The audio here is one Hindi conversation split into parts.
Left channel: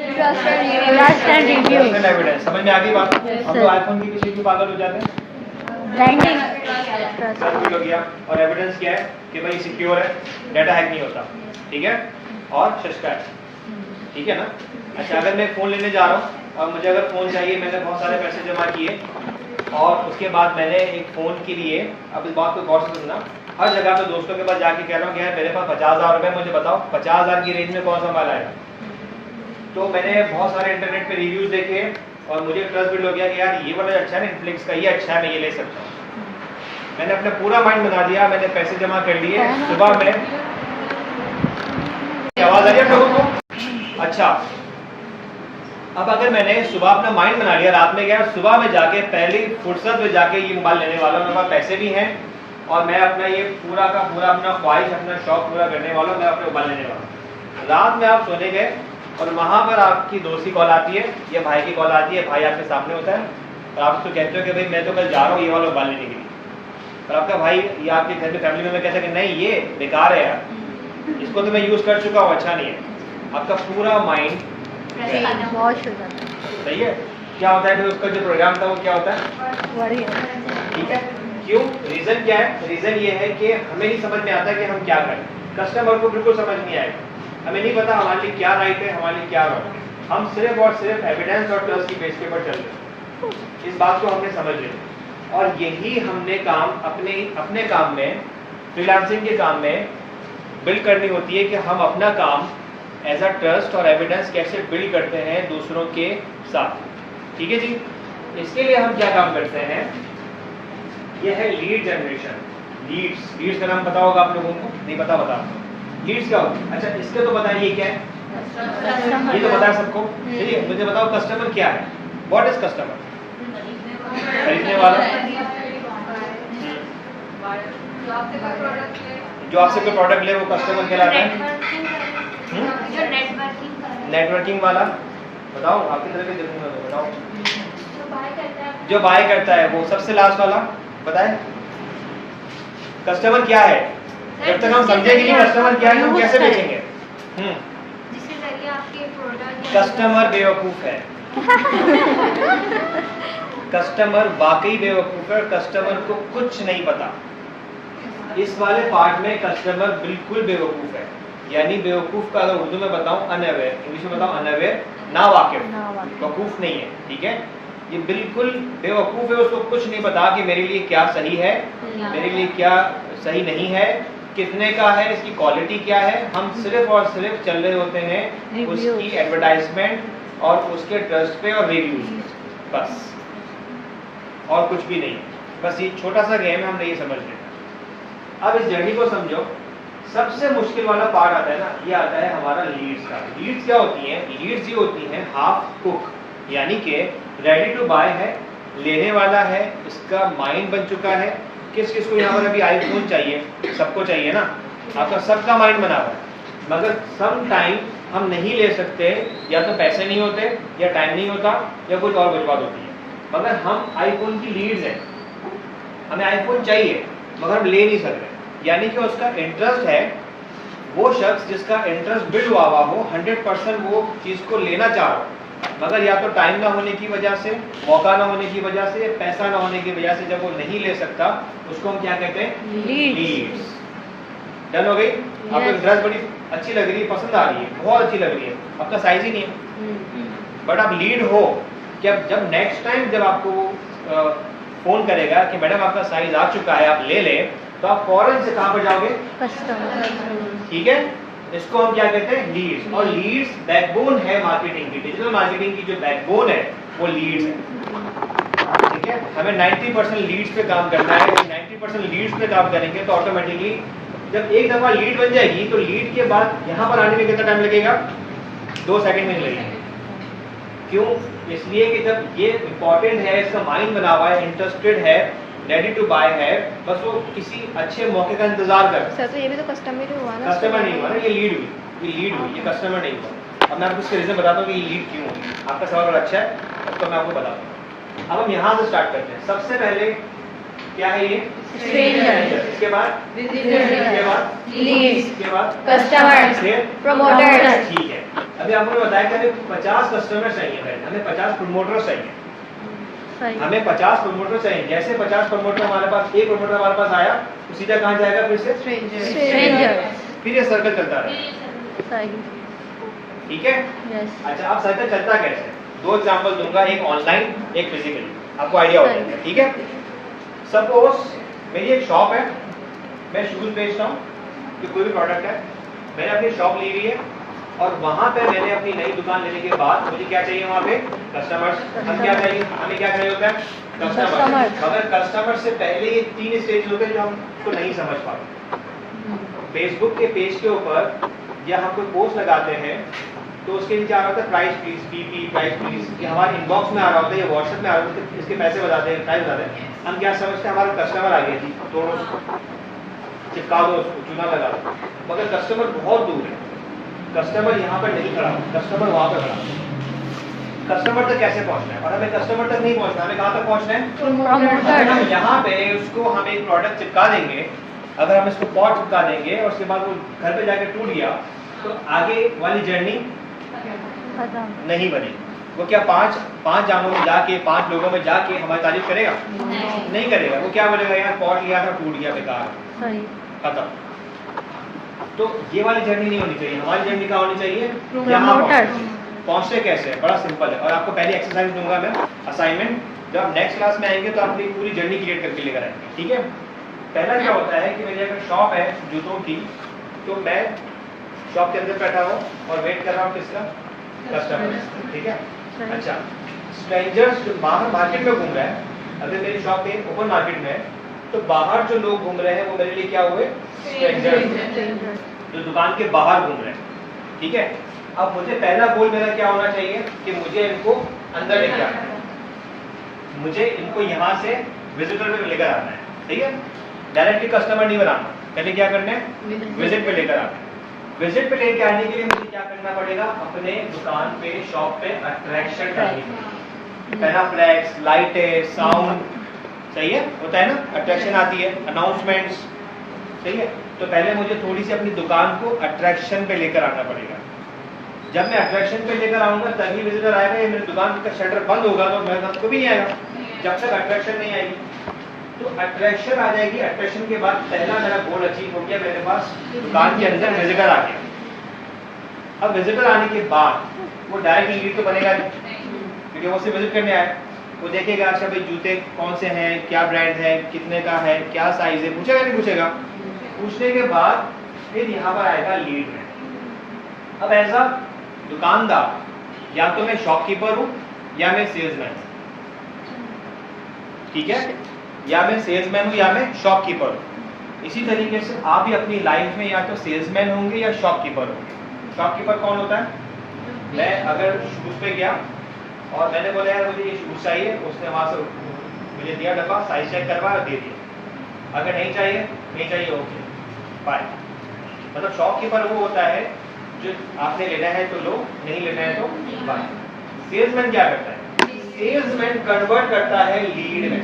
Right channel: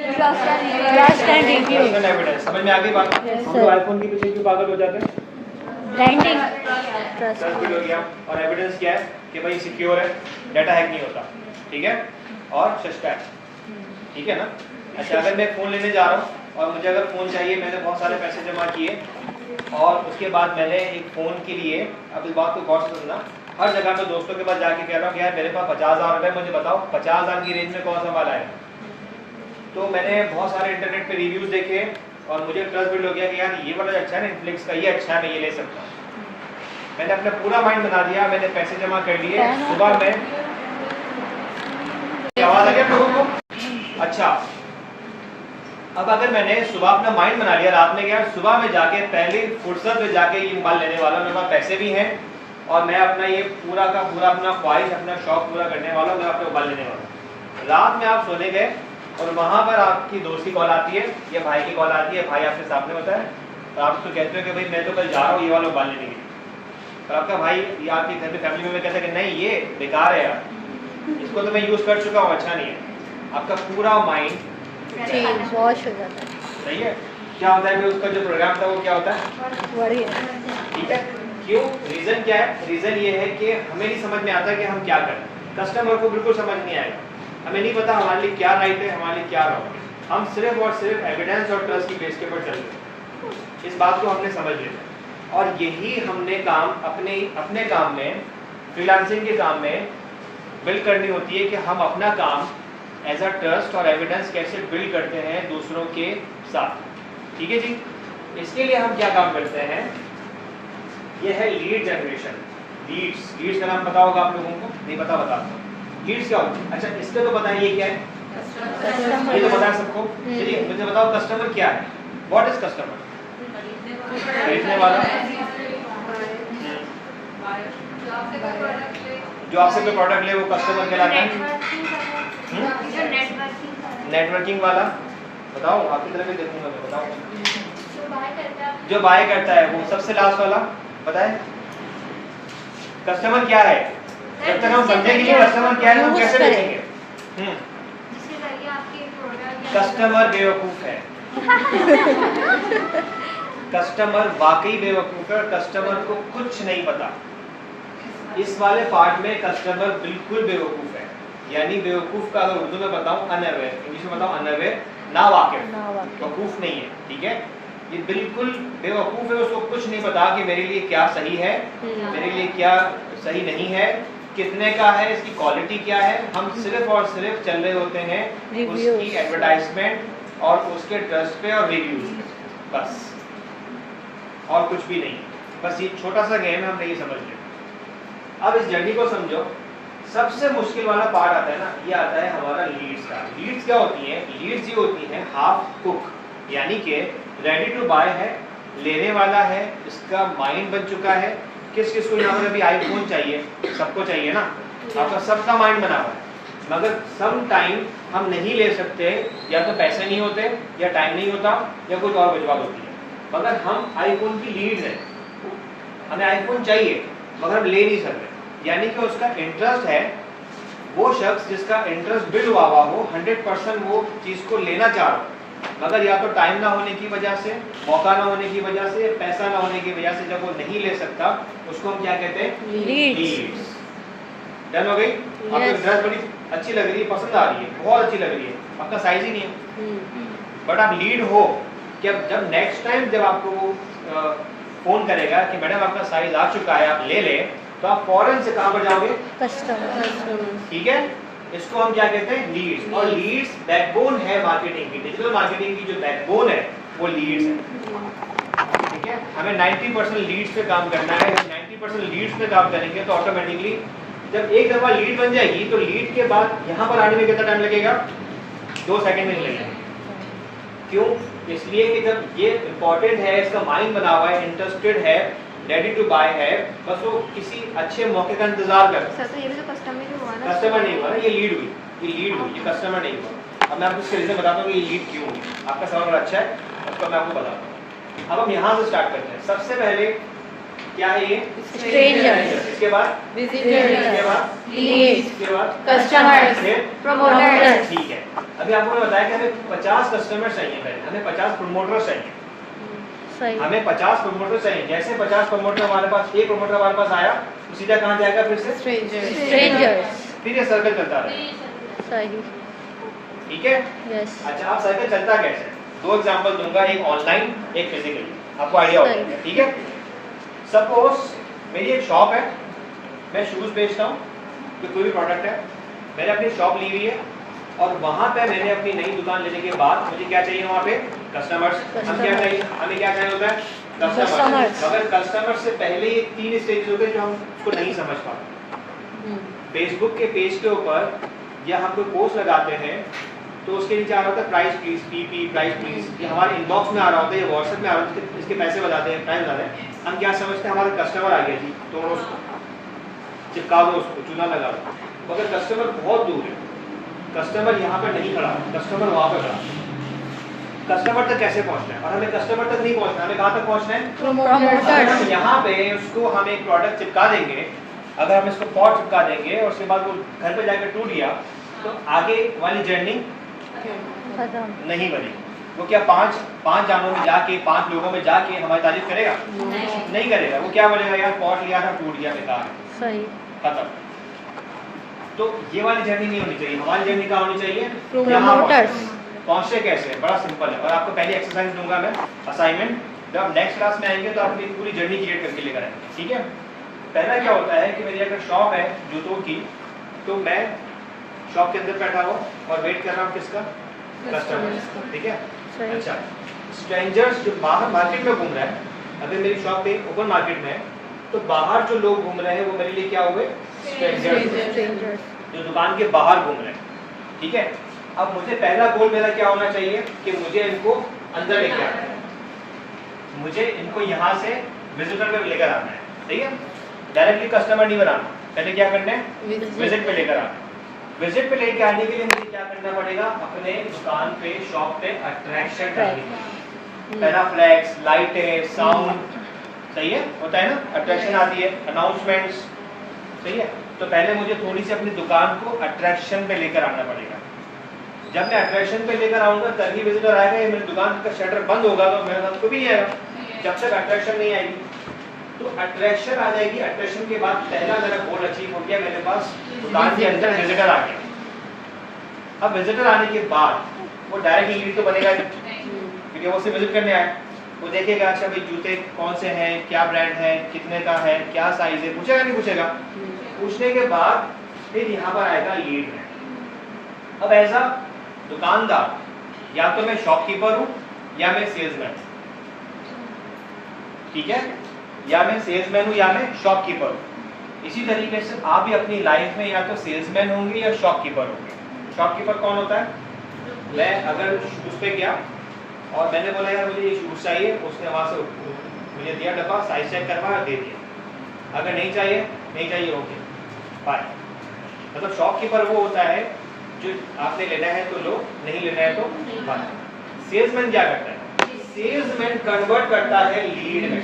Trust and review. एविडेंस। समझ में आ गई बात? हम तो आईफोन के पीछे भी पागल हो जाते हैं। ट्रस्ट हो गया और एविडेंस क्या है कि भाई सिक्योर है, डाटा हैक नहीं होता, ठीक है, और सस्ता है, ठीक है ना। अच्छा, अगर मैं फ़ोन लेने जा रहा हूँ और मुझे अगर फ़ोन चाहिए, मैंने बहुत सारे पैसे जमा किए और उसके बाद मैंने एक फ़ोन के लिए, अब इस बात को गौर से सुनना, हर जगह पे दोस्तों के पास जाके कह रहा हूँ कि यार मेरे पास 50,000 रुपये, मुझे बताओ 50,000 की रेंज में कौन सा मोबाइल आएगा। तो मैंने बहुत सारे इंटरनेट पे रिव्यूज़ देखे और मुझे ट्रस्ट बिल्ड हो गया कि यार ये वाला अच्छा है, नेटफ्लिक्स का ये अच्छा है, मैं ये ले सकता हूँ। मैंने अपना पूरा माइंड बना दिया, मैंने पैसे जमा कर लिए। सुबह में आवाज़ आ रही है लोगों को? अच्छा, अब अगर मैंने सुबह अपना माइंड बना लिया, रात में गया, सुबह में जाके पहली फुर्सत में जाके ये मोबाइल लेने वाला, मेरे पास पैसे भी हैं और मैं अपना ये पूरा का पूरा अपना ख्वाहिश, अपना शौक पूरा करने वाला, मैं अपने मोबाइल लेने वाला। रात में आप सोने गए और वहाँ पर आपकी दोस्त की कॉल आती है या भाई की कॉल आती है, भाई आपके सामने होता है और आप उसको कहते हो कि भाई मैं तो कल जा रहा हूँ ये वाला मोबाइल लेने के लिए, और आपका भाई या आपके घर में फैमिली में कहता है कि नहीं ये बेकार है यार, इसको तो मैं यूज़ कर चुका हूँ, अच्छा नहीं है। आपका पूरा माइंड सही है, क्या होता है फिर उसका जो प्रोग्राम था वो क्या होता है, ठीक है। क्यों? रीज़न क्या है? रीज़न ये है कि हमें नहीं समझ में आता कि हम क्या करें। कस्टमर को बिल्कुल समझ नहीं आएगा, हमें नहीं पता हमारे लिए क्या राइट है, हमारे लिए क्या रॉन्ग है। हम सिर्फ और सिर्फ एविडेंस और ट्रस्ट की बेस के ऊपर चलते हैं। इस बात को हमने समझ लिया और यही हमने काम अपने काम में, फ्रीलांसिंग के काम में बिल्ड करनी होती है कि हम अपना काम एज अ ट्रस्ट और एविडेंस कैसे बिल्ड करते हैं दूसरों के साथ, ठीक है जी। इसके लिए हम क्या काम करते हैं, ये है लीड जनरेशन। लीड्स का नाम पता होगा आप लोगों को, नहीं पता बता दो लीड्स क्या होता है। अच्छा, इसके तो बताइए ये क्या है, ये तो पता है सबको। चलिए मुझे बताओ कस्टमर क्या है, व्हाट इज कस्टमर? खरीदने वाला, जो आपसे कोई प्रोडक्ट ले वो कस्टमर कहलाता है। नेटवर्किंग वाला बताओ, आपकी तरफ ही देखूंगा तो बताओ। जो बाय करता है वो सबसे लास्ट वाला बताए। कस्टमर क्या है, जब तक हम समझेंगे कि कस्टमर क्या है हम कैसे बेचेंगे। जिसके जरिए आपके प्रोडक्ट, कस्टमर बेवकूफ है। कस्टमर वाकई बेवकूफ है, कस्टमर को कुछ नहीं पता। इस वाले पार्ट में कस्टमर बिल्कुल बेवकूफ है, यानी बेवकूफ का अगर उर्दू में बताऊं अनअवेयर, इंग्लिश में बताऊं अनअवेयर, ना वाकिफ, वकूफ नहीं है, ठीक है। ये बिल्कुल बेवकूफ है, उसको कुछ नहीं पता कि मेरे लिए क्या सही है, मेरे लिए क्या सही नहीं है, कितने का है, इसकी क्वालिटी क्या है। हम सिर्फ और सिर्फ चल रहे होते हैं उसकी एडवर्टाइजमेंट और उसके ट्रस्ट पे और रिव्यूज, बस और कुछ भी नहीं। बस ये छोटा सा गेम है, हमने ये समझ लिया। अब इस जर्नी को समझो। सबसे मुश्किल वाला पार्ट आता है ना, ये आता है हमारा लीड्स का। लीड्स क्या होती हैं? लीड्स ये होती हैं हाफ कुक, यानी कि रेडी टू बाय है, लेने वाला है, इसका माइंड बन चुका है। किस किस को यहाँ पर अभी आईफोन चाहिए, सबको चाहिए ना, आपका सबका माइंड बना हुआ है, मगर सम टाइम हम नहीं ले सकते, या तो पैसे नहीं होते, या टाइम नहीं होता, या कुछ और वजह होती है। मगर हम आईफोन की लीड्स हैं, हमें आईफोन चाहिए मगर हम ले नहीं सकते, यानी कि उसका इंटरेस्ट है। वो शख्स जिसका इंटरेस्ट बिल्ड हुआ हो 100% वो चीज़ को लेना चाह रहा हो, मगर या तो टाइम ना होने की वजह से, मौका ना होने की वजह से, पैसा ना होने की वजह से जब वो नहीं ले सकता, उसको हम क्या कहते हैं? लीड्स। डन हो गई? आपको ड्रेस बड़ी अच्छी लग रही है, पसंद आ रही है, बहुत अच्छी लग रही है, आपका साइज ही नहीं है, बट आप लीड हो कि जब नेक्स्ट टाइम जब आपको फोन करेगा कि मैडम आपका साइज आ चुका है, आप ले लें, तो आप फौरन से कहाँ पर जाओगे? कस्टमर, ठीक है। इसको हम क्या कहते हैं? लीड्स। और लीड्स बैकबोन है मार्केटिंग की, डिजिटल मार्केटिंग की जो बैकबोन है वो लीड्स है, ठीक है। हमें 90% लीड्स पे काम करना है। 90% लीड्स पे काम करेंगे तो ऑटोमेटिकली जब एक दफा लीड बन जाएगी तो लीड के बाद यहाँ पर आने में कितना टाइम लगेगा? 2 सेकंड में लगेगा। क्यों? इसलिए कि जब ये इंपॉर्टेंट है, इसका माइंड बना हुआ है, इंटरेस्टेड है, रेडी टू बाय है, बस वो किसी अच्छे मौके का इंतजार कर। सर तो ये भी तो कस्टमर ही हुआ ना? कस्टमर नहीं हुआ ना, ये लीड हुई, ये कस्टमर नहीं हुआ। अब मैं आपको इसके रीजन बताता हूँ कि ये लीड क्यों हुई। आपका सवाल बड़ा अच्छा है, उसको मैं आपको बताता हूँ। अब हम यहाँ से स्टार्ट करते हैं। सबसे पहले क्या है ये? स्ट्रेंजर। इसके बाद विजिटर, इसके बाद लीड्स, इसके बाद कस्टमर, फिर प्रमोटर। ठीक है। अभी आपको मैंने बताया कि हमें 50 कस्टमर चाहिए, पहले हमें 50 प्रमोटर चाहिए, सही हमें 50 प्रमोटर चाहिए। जैसे 50 प्रमोटर हमारे पास, एक प्रमोटर हमारे पास आया तो सीधा कहाँ जाएगा? फिर से स्ट्रेंजर्स फिर ये सर्कल चलता रहेगा, सही ठीक है। यस अच्छा, अब सर्कल चलता कैसे? दो एग्जांपल दूंगा, एक ऑनलाइन एक फिजिकली, आपको आइडिया हो जाएगा, ठीक है। सपोज मेरी एक शॉप है, मैं शूज बेचता हूँ, जो कोई भी प्रोडक्ट है, मैंने अपनी शॉप ली हुई है और वहां पे मैंने अपनी नई दुकान लेने के बाद मुझे क्या चाहिए? वहां पे कस्टमर्स। हम क्या चाहिए? हमें क्या चाहिए होता है? कस्टमर्स। Customers। मगर कस्टमर से पहले ये 3 स्टेज होते हैं जो हम उसको नहीं समझ पाते। फेसबुक के पेज के ऊपर या हम कोई पोस्ट लगाते हैं तो उसके नीचे आ रहा होता है price please, PP price please, ये हमारे इनबॉक्स में आ रहा होता है, ये व्हाट्सएप में आ रहा होता है, इसके पैसे बताते हैं, प्राइस बताते हैं। हम क्या समझते हैं? हमारा कस्टमर आ गया जी, तो उसको चिपका दो, उसको चूना लगा दो। मगर कस्टमर बहुत दूर है, कस्टमर यहाँ पर नहीं खड़ा, कस्टमर वहाँ पर खड़ा। कस्टमर तक कैसे पहुँचना है? और हमें कस्टमर तक नहीं पहुँचना, हमें कहाँ तक पहुँचना है? अगर हम यहाँ पे उसको हम एक प्रोडक्ट चिपका देंगे, अगर हम इसको पॉट चिपका देंगे और उसके बाद वो घर पे जाकर टूट गया तो आगे वाली जर्नी खत्म नहीं बनेगी। वो क्या पांच जानों में जाके, 5 लोगों में जाके हमारी तारीफ करेगा? नहीं करेगा। वो क्या बोलेगा? यार पॉट लिया था, टूट गया, बेकार, सही खत्म। तो ये वाली जर्नी नहीं होनी चाहिए। हमारी जर्नी क्या होनी चाहिए? प्रमोटर्स पहुंचते कैसे है? बड़ा सिंपल है। और आपको पहले एक्सरसाइज दूंगा मैं, असाइनमेंट, जब आप नेक्स्ट क्लास में आएंगे तो आप अपनी पूरी जर्नी क्रिएट करके लेकर आएंगे, ठीक है। पहला क्या होता है कि मेरी अगर शॉप है जूतों की, तो मैं शॉप के अंदर बैठा हूँ और वेट कर रहा हूँ किसका? कस्टमर, ठीक है। सही अच्छा, स्ट्रेंजर्स जो बाहर मार्केट में घूम रहे हैं, अगर मेरी शॉप है ओपन मार्केट में है, तो बाहर जो लोग घूम रहे हैं वो मेरे लिए क्या हुए? स्ट्रेंजर्स, जो दुकान के बाहर घूम रहे हैं, ठीक है। अब मुझे पहला गोल मेरा क्या होना चाहिए कि मुझे इनको अंदर लेके आना है, मुझे इनको यहाँ से विजिटर पे लेकर आना है, सही है। डायरेक्टली कस्टमर नहीं बनाना, पहले क्या करना है? विजिट पे लेकर आना। विजिट पे लेकर आने के लिए मुझे क्या करना पड़ेगा? अपने दुकान पे, शॉप पे अट्रैक्शन करनी है। पहला फ्लैक्स, लाइटें, साउंड, सही है, होता है ना, अट्रैक्शन आती है, अनाउंसमेंट्स, सही है। तो पहले मुझे थोड़ी सी अपनी दुकान को अट्रैक्शन पे लेकर आना पड़ेगा। जब मैं अट्रैक्शन पे लेकर आऊंगा तभी विजिटर आएगा। या मेरी दुकान का शटर बंद होगा तो मेरे साथ कोई भी नहीं आएगा, जब तक अट्रैक्शन नहीं आएगी। तो अट्रैक्शन आ जाएगी, अट्रैक्शन के बाद पहला मेरा गोल अचीव हो गया, मेरे पास दुकान के अंदर विजिटर आ गया। अब विजिटर आने के बाद वो डायरेक्ट लीड तो बनेगा नहीं, क्योंकि वो सिर्फ विजिट करने आए। वो देखेगा अच्छा भाई जूते कौन से हैं, क्या ब्रांड है, कितने का है, क्या साइज है, पूछेगा नहीं पूछेगा। पूछने के बाद फिर यहाँ पर आएगा लीड में। अब ऐसा दुकानदार, या तो मैं शॉपकीपर हूँ या मैं सेल्समैन, ठीक है, या मैं सेल्समैन हूँ या मैं शॉपकीपर हूँ। इसी तरीके से आप भी अपनी लाइफ में या तो सेल्समैन होंगे या शॉपकीपर होंगे। शॉपकीपर कौन होता है? मैं अगर शूज पे गया और मैंने बोला यार मुझे ये शूज चाहिए, उसने वहाँ से मुझे दिया डब्बा, साइज चेक करवाया और दे दिया। अगर नहीं चाहिए ओके बाय। मतलब शॉपकीपर वो होता है जो आपने लेना है तो लो, नहीं लेना है तो बाय। सेल्समैन क्या करता है? सेल्समैन कन्वर्ट करता है लीड में,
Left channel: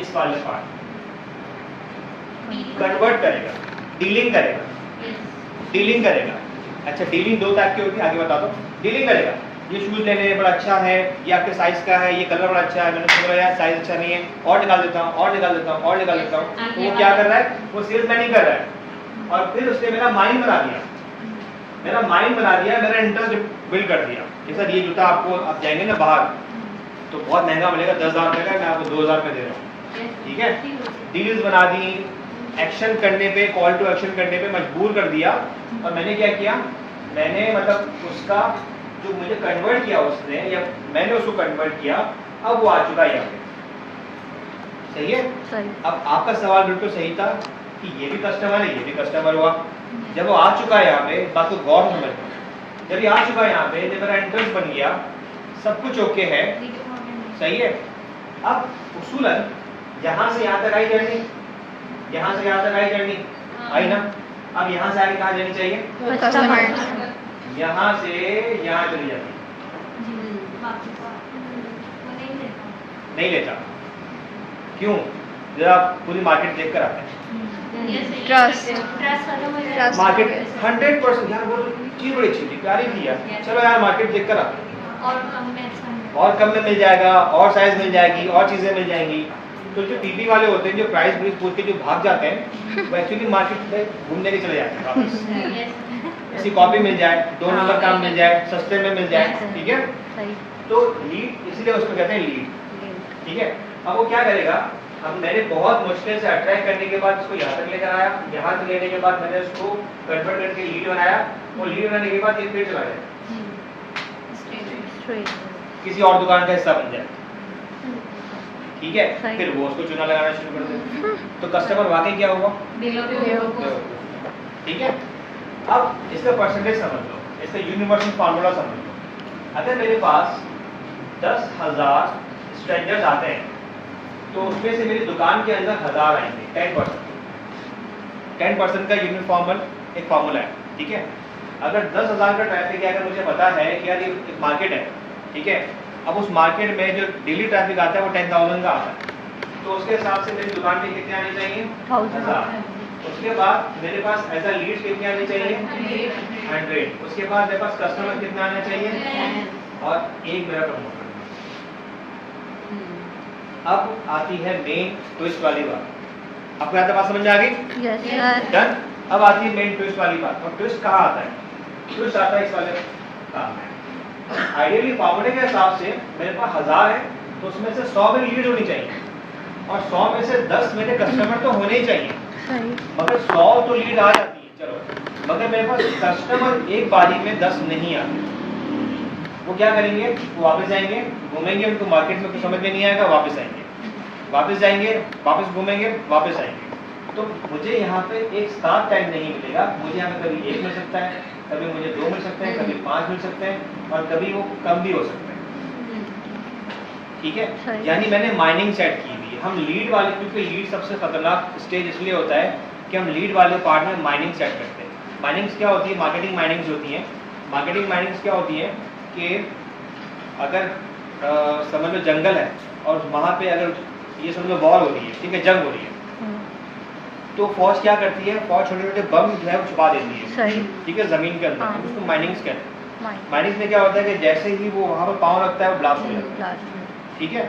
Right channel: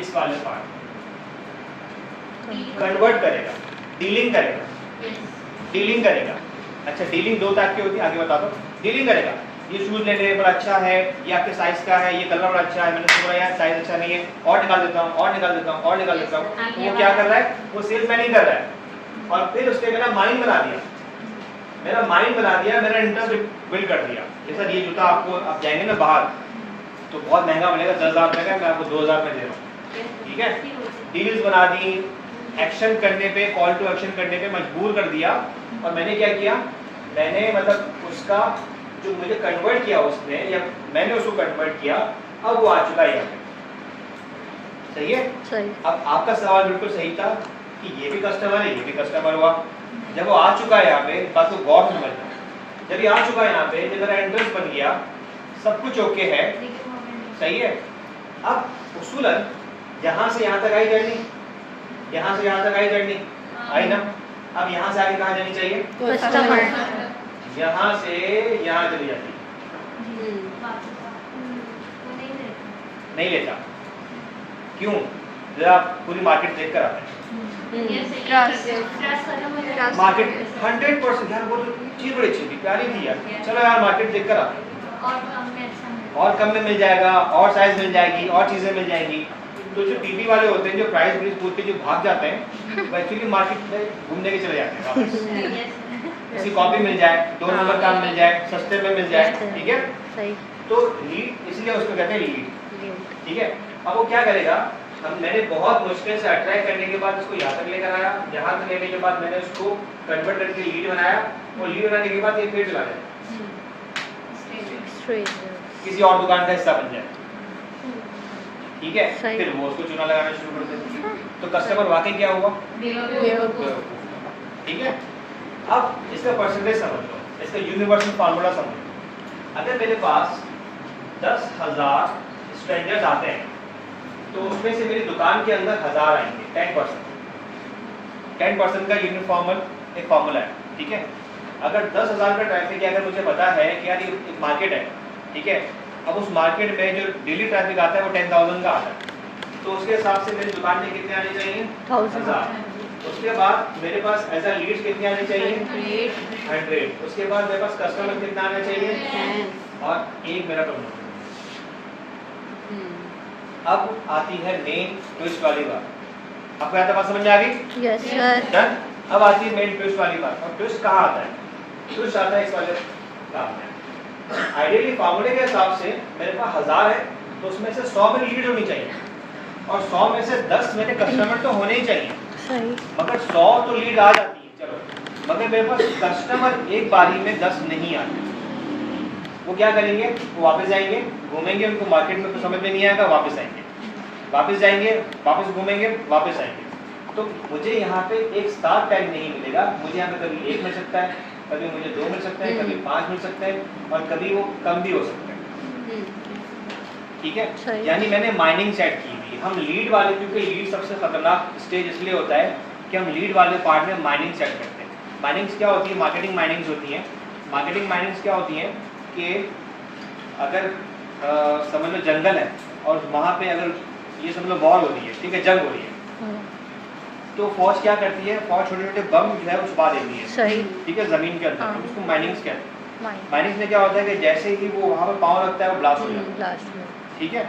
इस वाले पार्ट कन्वर्ट करेगा, डीलिंग करेगा। अच्छा, डीलिंग 2 टाइप की होती है, आगे बता दो। डीलिंग करेगा, ये शूज लेने बड़ा अच्छा है, ये आपके साइज का है, ये कलर बड़ा अच्छा है, मैंने सोचा यार साइज अच्छा नहीं है, और निकाल देता हूँ। तो वो क्या कर रहा है? वो सेल्समैन ही कर रहा है। और फिर उसने मेरा माइंड बना दिया, मेरा इंटरेस्ट बिल्ड कर दिया। जैसा ये जूता आपको, आप जाएंगे ना बाहर तो बहुत महंगा मिलेगा, 10,000 रुपये का, मैं आपको 2,000 में दे रहा हूँ, ठीक है। डील्स बना दी, एक्शन करने पे, कॉल टू एक्शन करने पे मजबूर कर दिया। और मैंने क्या किया? मैंने मतलब उसका जो मुझे कन्वर्ट किया उसने, या मैंने उसको कन्वर्ट किया, अब वो आ चुका है यहाँ पे, सही है। सही अब आपका सवाल बिल्कुल सही था कि ये भी कस्टमर है, ये भी कस्टमर हुआ। जब वो आ चुका है यहाँ पे, बात को गौर से समझना, जब ये आ चुका है यहाँ पे, जब मेरा इंटरेस्ट बन गया, सब कुछ ओके है, सही है। अब उसूलन यहाँ से यहाँ तक आई जर्नी, यहाँ से यहाँ तक आई जर्नी, आई ना। अब यहाँ से आगे कहाँ जानी चाहिए? कस्टमर यहाँ से यहाँ चली जाती, नहीं लेता। क्यों? जरा आप पूरी मार्केट देख कर आते हैं, Trust. मार्केट 100% यार वो तो चीज़ बड़ी अच्छी थी, प्यारी थी यार, चलो यार मार्केट देख कर आते हैं, और कम में अच्छा मिलता और कम में मिल जाएगा, और साइज मिल जाएगी, और चीज़ें मिल जाएंगी। तो जो पीपी वाले होते हैं जो प्राइस ब्रीज पूछ के जो भाग जाते हैं वो एक्चुअली मार्केट में घूमने के चले जाते हैं वापस। है। इसकी कॉपी मिल जाए, 2 नंबर काम मिल जाए, सस्ते में मिल जाए, ठीक है। सही। तो लीड इसलिए उसको कहते हैं लीड, ठीक है। अब वो क्या करेगा, अब मैंने बहुत मुश्किल से अट्रैक्ट करने के बाद उसको यहाँ तक लेकर आया, यहाँ तक लेने के बाद मैंने उसको कन्वर्ट करके लीड बनाया, और लीड बनाने के बाद ये फिर चला जाए Straight. किसी और दुकान का हिस्सा बन जाए, ठीक है। सही। फिर वो उसको चूना लगाना शुरू कर दे, तो कस्टमर वाकई क्या हुआ, ठीक है। अब इसका परसेंटेज समझ लो, इसका यूनिवर्सल फार्मूला समझ लो। अगर मेरे पास 10,000 स्ट्रेंजर्स आते हैं तो उसमें से मेरी दुकान के अंदर 1000 आएंगे, 10% का यूनिफॉर्मल एक फार्मूला है, ठीक है। अगर 10,000 का ट्रैफिक है, अगर मुझे पता है कि यार ये एक मार्केट है, ठीक है। अब उस मार्केट में जो डेली ट्रैफिक आता है वो 10,000 का आता है, तो उसके हिसाब से मेरी दुकान में कितने आने चाहिए, 1000। उसके बाद मेरे पास एज अ लीड्स कितने आने चाहिए, 100। उसके बाद मेरे पास कस्टमर कितने आने चाहिए, और एक मेरा प्रमोटर। अब आती है मेन ट्विस्ट वाली बात, आपको यहाँ तक बात समझ में आ गई, Yes, sir. डन। अब आती है मेन ट्विस्ट वाली बात, और ट्विस्ट कहाँ आता है, ट्विस्ट आता है इस वाले काम में। आइडियली फार्मूले के हिसाब से मेरे पास 1000 है, तो उसमें से 100 मेरी लीड होनी चाहिए, और 100 में से 10 मेरे कस्टमर तो होने ही चाहिए। सही। मगर 100 तो लीड आ जाती है, चलो, मगर मेरे पास कस्टमर एक बारी में 10 नहीं आते। वो क्या करेंगे, वो वापस जाएंगे, घूमेंगे, उनको मार्केट में कुछ समझ में नहीं आएगा, वापस आएंगे, वापस जाएंगे, वापस घूमेंगे, वापस आएंगे। तो मुझे यहाँ पे एक साथ टाइम नहीं मिलेगा, मुझे यहाँ पे कभी 1 मिल सकता है, कभी मुझे 2 मिल सकते हैं, कभी 5 मिल सकते हैं, और कभी वो कम भी हो सकते हैं, ठीक है। सही। यानी मैंने माइनिंग सेट की हुई है। हम लीड वाले, क्योंकि लीड सबसे खतरनाक स्टेज इसलिए होता है कि हम लीड वाले पार्ट में माइनिंग सेट करते हैं। माइनिंग्स क्या होती है, मार्केटिंग माइनिंग्स होती हैं। मार्केटिंग माइनिंग्स क्या होती हैं कि अगर समझ लो जंगल है, और वहाँ पे अगर ये समझ लो वॉर हो रही है, ठीक है, जंग हो रही है, तो फौज क्या करती है, फौज छोटे छोटे बम जो है वो छुपा देती है, सही। ठीक है, जमीन के अंदर, हाँ। उसको माइनिंग्स कहते हैं। Mind. माइनिंग्स में क्या होता है कि जैसे ही वो वहाँ पे पाँव रखता है वो ब्लास्ट हो जाता है, Blast में. ठीक है।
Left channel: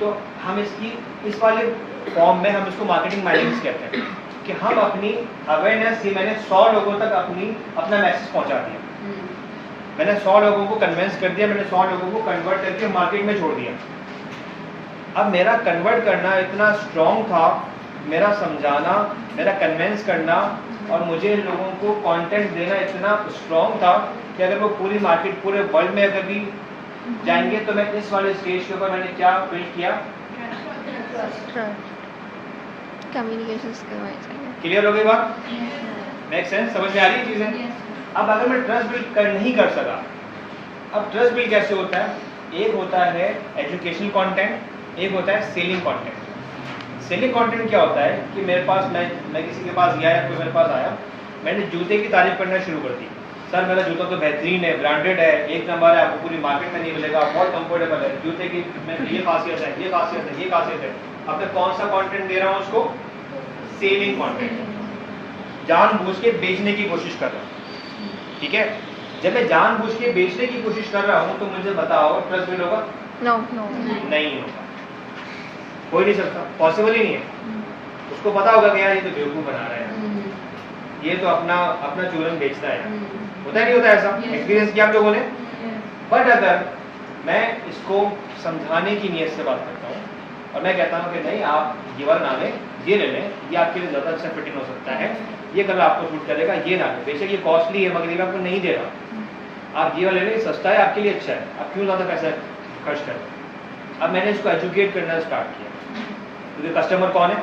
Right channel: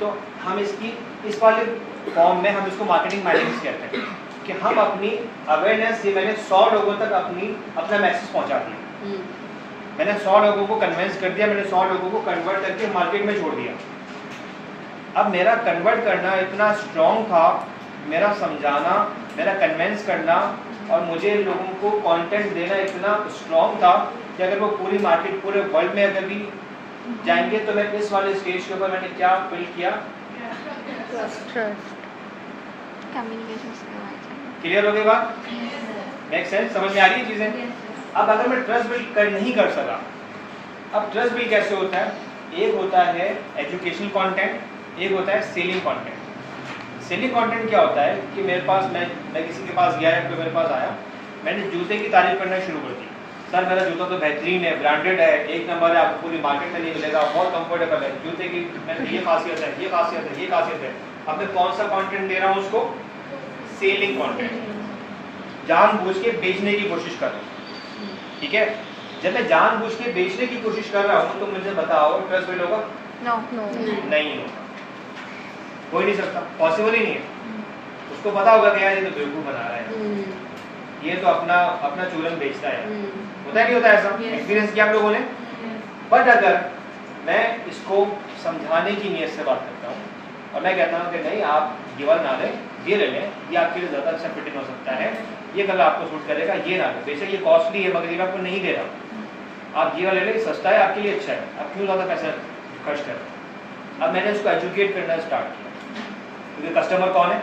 तो हम इसकी इस वाले फॉर्म में हम इसको मार्केटिंग माइनिंग्स कहते हैं कि हम अपनी अवेयरनेस, ये मैंने 100 लोगों तक अपना मैसेज पहुंचा दिया, मैंने 100 लोगों को कन्विंस कर दिया, मैंने 100 लोगों को कन्वर्ट करके मार्केट में छोड़ दिया। अब मेरा कन्वर्ट करना इतना स्ट्रॉन्ग था, मेरा समझाना, मेरा कन्विंस करना, और मुझे लोगों को कंटेंट देना इतना स्ट्रॉन्ग था कि अगर वो पूरी मार्केट पूरे वर्ल्ड में अगर भी जाएंगे तो मैं इस वाले स्टेज के ऊपर मैंने क्या बिल्ड किया, Trust. कम्युनिकेशन स्किल आई चाहिए। क्लियर हो गई बात, मेक सेंस, समझ में आ गई चीजें। अब अगर मैं ट्रस्ट बिल्ड नहीं कर सका, अब ट्रस्ट बिल्ड कैसे होता है, एक होता है एजुकेशनल कंटेंट, एक होता है सेलिंग कंटेंट। सेलिंग कंटेंट क्या होता है कि मेरे पास मैं किसी के पास गया या कोई मेरे पास आया, मैंने जूते की तारीफ करना शुरू कर दी, सर मेरा जूता तो बेहतरीन है, ब्रांडेड है, 1 नंबर है, आपको पूरी मार्केट में नहीं मिलेगा, बहुत कंफर्टेबल है जूते की, ये खासियत है, ये खासियत है, ये खासियत है। अब मैं कौन सा कंटेंट दे रहा हूँ उसको, सेलिंग कंटेंट, जानबूझ के बेचने की कोशिश कर रहा हूँ, ठीक है। जब मैं जानबूझ के बेचने की कोशिश कर रहा हूँ तो मुझे बताओ ट्रस्ट बिल्ड होगा, नो नहीं होगा, हो ही नहीं सकता, पॉसिबल ही नहीं है। उसको पता होगा कि यार ये तो बेवकूफ बना रहा है, ये तो अपना चूरन बेचता है, होता है नहीं होता ऐसा, एक्सपीरियंस किया आप लोगों ने। बट अगर मैं इसको समझाने की नीयत से बात करता हूँ और मैं कहता हूँ कि नहीं आप ये वाला ना लें, ये ले लें, ये आपके लिए ज़्यादा अच्छा फिटिंग हो सकता है, ये कलर आपको सूट करेगा, ये ना लें, बेशक ये कॉस्टली है मगर ये आपको नहीं दे रहा, आप ये वाला ले लें, सस्ता है, आपके लिए अच्छा है, आप क्यों ज़्यादा पैसा खर्च कर रहे हैं। अब मैंने उसको एजुकेट करना स्टार्ट किया, क्योंकि कस्टमर कौन है,